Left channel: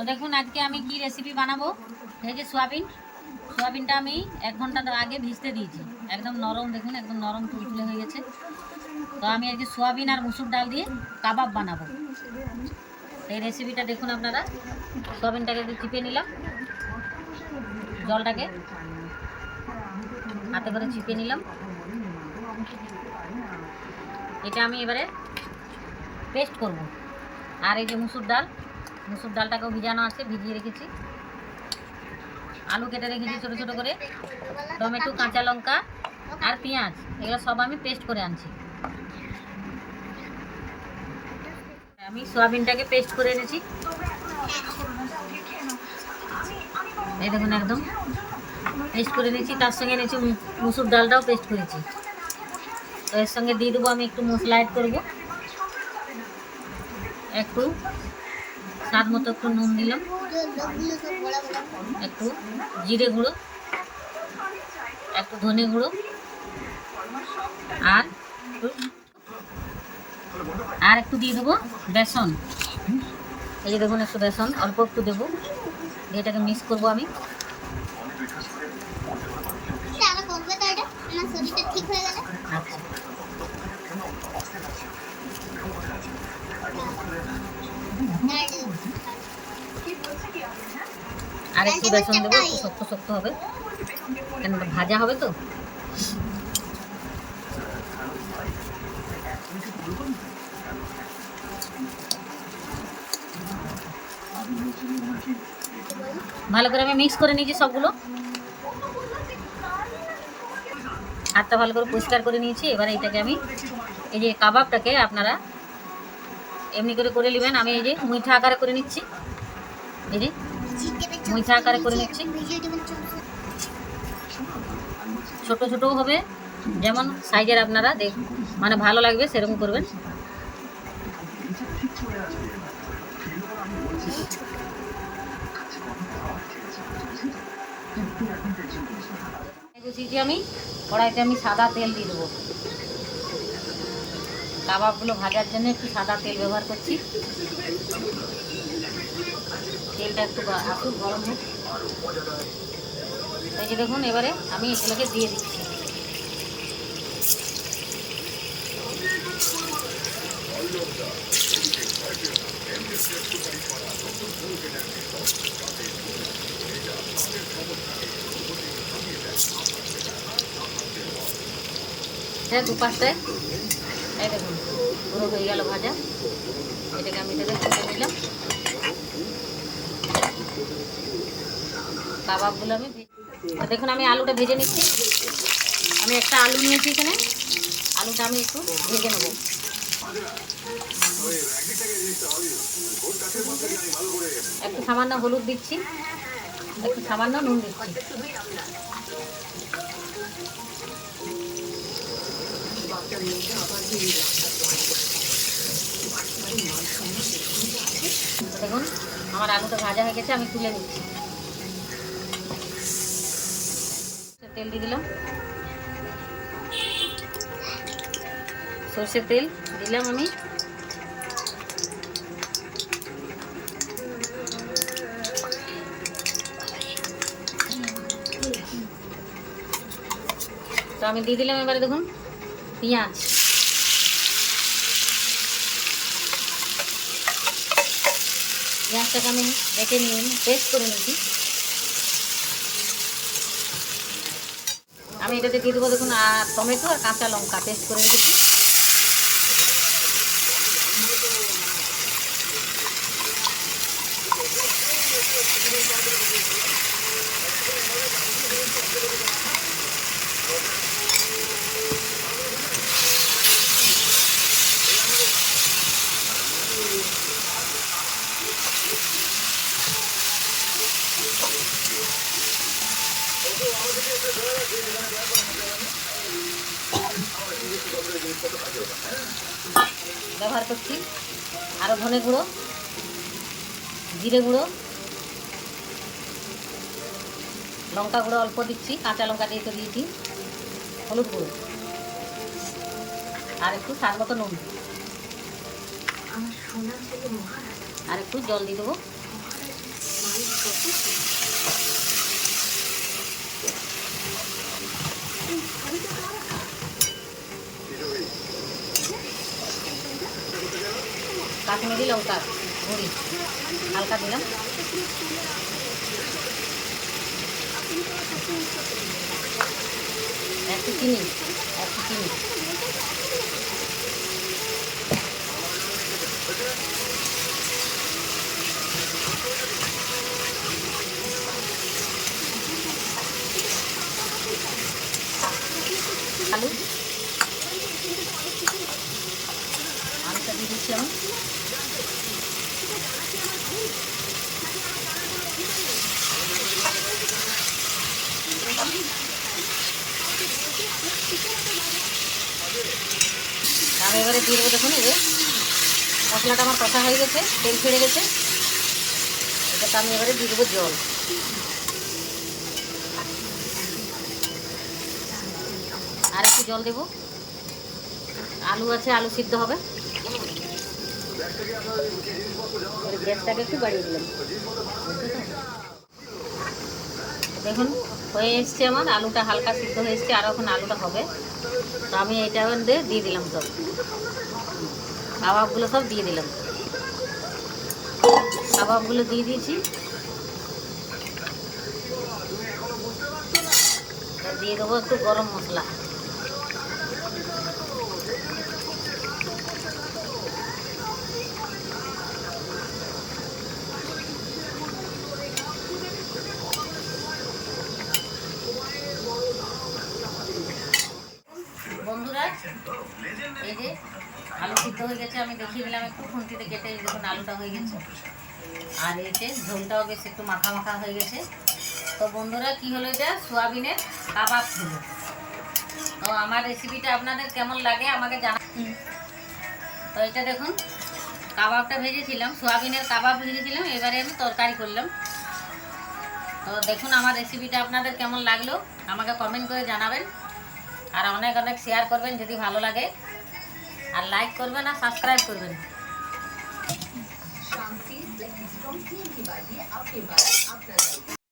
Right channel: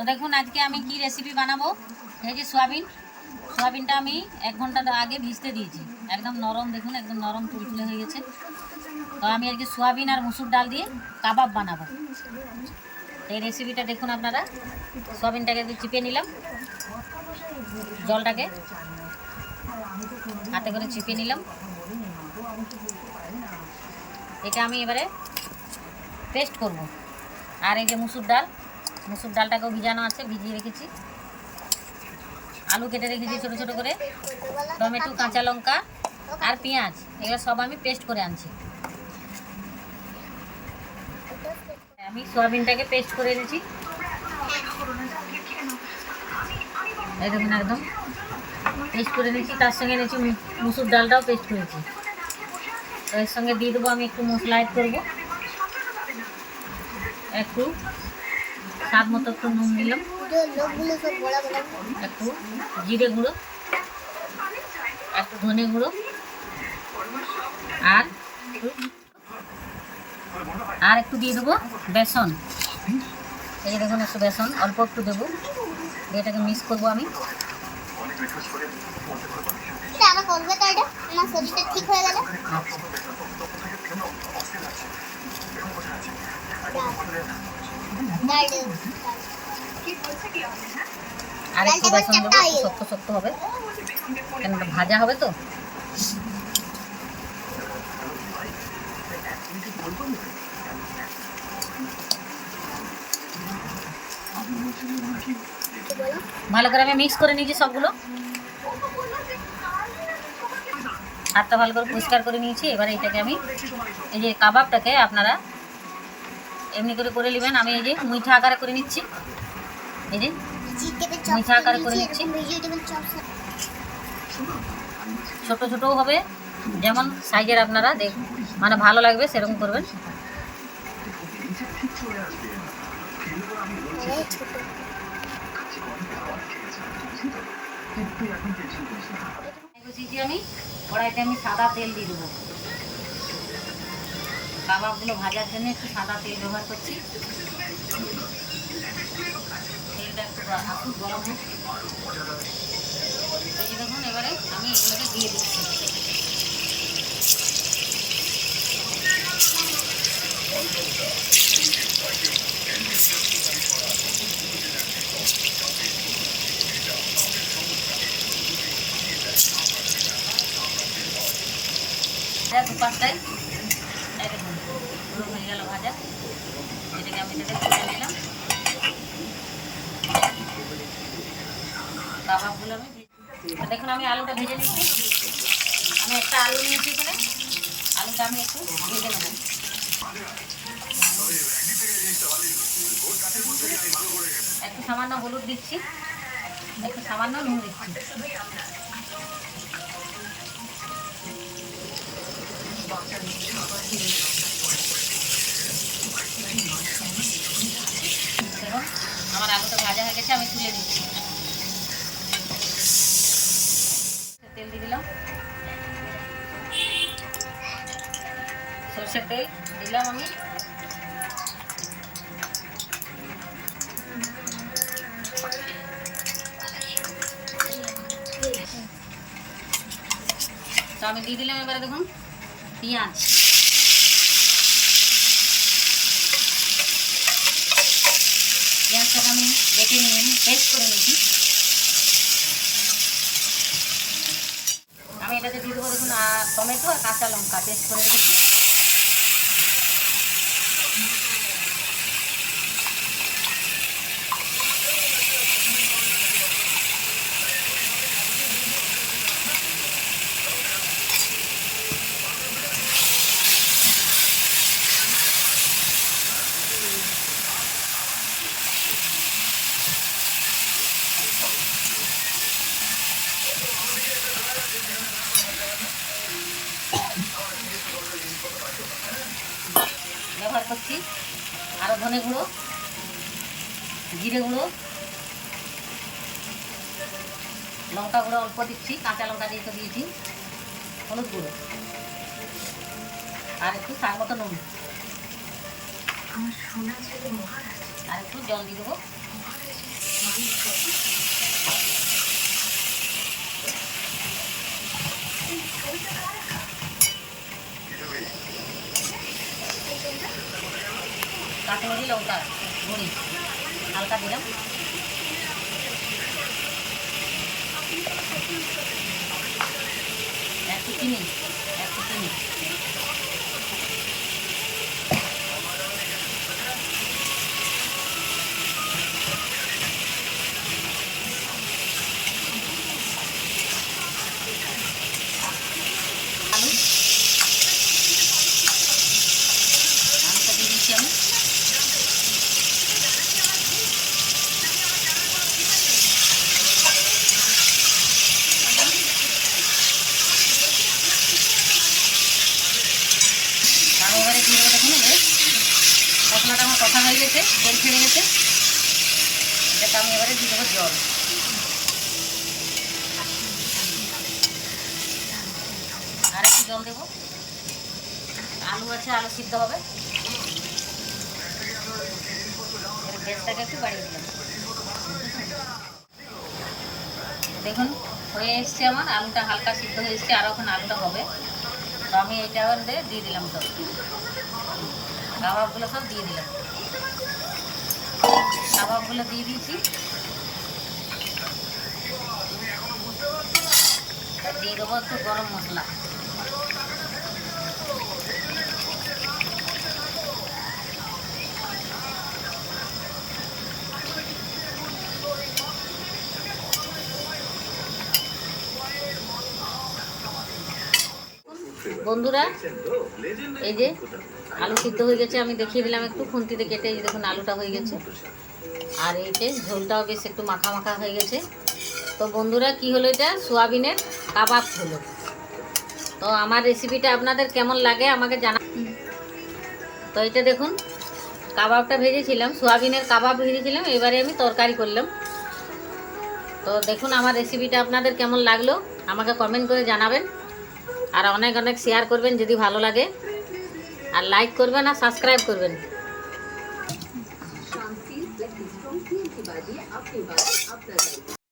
তো দেখুন, আজকে আমি কি রেসিপি বানাবো? এই যে সোয়াবিন। সোয়াবিনটা আমি এক ঘণ্টা আগে ভিজতে দিয়েছি। একদম নরম, দেখুন, একদম নরম তুলতুলে হয়ে গেছে। তো আমি আজকে সোয়াবিন আর মুসুর ডাল দিয়ে কাবাব বানাবো। এই রেসিপিটা দেখুন আপনারা। সোয়াবিনটাকে একটু চিপে নিলাম। জলটাকে হাতে করে চিপে নিলাম। এটা আমি এবারে পেস্ট করব। আর এই যে মুসুর ডাল মুসুর ডালটাকেও ভিজানো আছে, ভিজিয়ে রেখেছি। আলু কেটে রেখেছি ছোটো ছোটো করে। টমেটো, কাঁচা লঙ্কা আর পেঁয়াজ, এগুলো সব আমি পেস্ট করে আনছি। আমি সয়াবিনটাকে পেস্ট করে এনেছি। এই দেখুন একদম পেস্ট করে নিয়েছি তার সঙ্গে এনেছি মুসুর ডালটাও পেস্ট করেছি। তো এর সঙ্গে দিয়ে দেবো আমি একটু মশলা অ্যাড করব। একটু স্বাদ মতো একটু নুন দিলাম। একটু জিরে গুঁড়ো, একটু ধনে গুঁড়ো আর আর একটু দিয়ে দেবো বেসন। এই যে দেখুন একটু বেসন, অল্প একটু দেবো। এটাকে মিক্স করব আমি। আচ্ছা। আর একটু বেসন দেবো, একটু শক্ত শক্ত হবে। কেন ভাজা হবে তো? ভালো করে আমি মিক্স করে নিয়েছি সবগুলো। হাতটা ভালো করে পরিষ্কার করে নিয়েছি। এবার এইটাকে আমি, এই যে কাবাবটাকে আপনারা এমনি করে করে নেবেন। আমি এই যে মুইঠা আকারে করে নিচ্ছি। এই যে মিঠা আকারে করে নিচ্ছি। ছোট ছোটও হবে। যেমন সাইজের আপনারা দেখ মানে ভালো লাগবে সেরকম করবেন। আমি কড়াইতে আমি সাদা তেল দিয়ে দেবো। কাবাবগুলো ভাজার জন্য একটু সাদা তেল ব্যবহার করছি। তেলটা একটু আসুক গরম হোক। এই দেখুন, এবারে আমি এগুলোকে দিয়ে দিচ্ছি। দুপাশটায় পুরো হয়ে গেল ভাজা। এটাকে আমি এটাকে তুলে নিলাম। কাবাবগুলো আমি দেখুন, আমি আলুটা ভেজে নিচ্ছি। আমি একটা আলু নিয়েছি এখানে। আলুটা আমি একটু ভেজে নেব। একটু সামান্য হলুদ দিচ্ছি। একটু সামান্য নুন দিচ্ছি। দেখুন আমার আলুটা ভাজা হয়ে গেছে, আমি তুলে নিচ্ছি। তেল দিয়ে দিলাম। সর্ষের তেল দিলাম আমি। তো আমি দিয়ে দিলাম এবারে দেখুন, পেঁয়াজ। পেঁয়াজটাকে আমি বেটে নিয়ে পেস্ট করে নিয়েছি। আমি এটাতে দিয়ে দেবো দেখুন টমেটো আর কাঁচা লঙ্কা পেস্ট করে রেখেছি। ব্যবহার করছি। আরও ধনে গুঁড়ো, জিরে গুঁড়ো, লঙ্কা গুঁড়ো অল্প দিচ্ছি, কাঁচা লঙ্কা দিয়ে তো দিয়েছি, হলুদ গুঁড়ো, আর একটু স্বাদ মতো নুন। আর একটু জল দিয়ে দেবো। কাশ্মীরি ওটা মুড়ি। হালকা দিলাম একটু চিনি। দিয়ে দেবো দেখুন, এই যে। মশলাটা আমার কষা হয়ে গেছে, তেল ছেড়ে গেছে। এটাকে আমি এবারে দিয়ে দেবো জল। আর একটু জল দেবো। আলু আছে, আলু সিদ্ধ হবে। গ্যাসটাকে একটু বাড়িয়ে দিলাম। দেখুন হয়ে এসছে আমার, আলুটা হালকা সিদ্ধ হয়ে এসছে, আর এখন আলুটা হবে। তো আমি এইটা মধ্যে দিয়ে দিলাম সব কাবাবগুলো সব দিয়ে দিলাম। কাবাবগুলো দিয়ে দিয়েছি। দিয়ে দেবো একটু গরম মশলা। বন্ধুরা, এই যে আলু সিদ্ধ হয়ে গেছে, আমি দেখিয়ে দিলাম একটু খুন্তিতে কেটে, এই দেখুন আলুটা হয়ে গেছে। আর এই যে ঝোলটাও বেশ একটু মাখা মাখা হয়ে গেছে। তো বন্ধুরা, কি হলো এটা? সোয়াবিনের কাবাব হলো। তো আমার রেসিপিটা আপনাদের কেমন লাগে আমাকে জানা তো এটা দেখুন, কাবাবটা ভেজেছিলাম, সোয়াবিনের কাবাব ভেজেছিলাম, এবারে আমি তরকারি করলাম। তো দেখুন, আমার রেসিপিটা আপনাদের কেমন লাগল, আমাকে কমেন্ট করে জানাবেন। আর অনেক অনেক শেয়ার করবেন যদি ভালো লাগে। আর লাইক করবেন আর সাবস্ক্রাইব করবেন।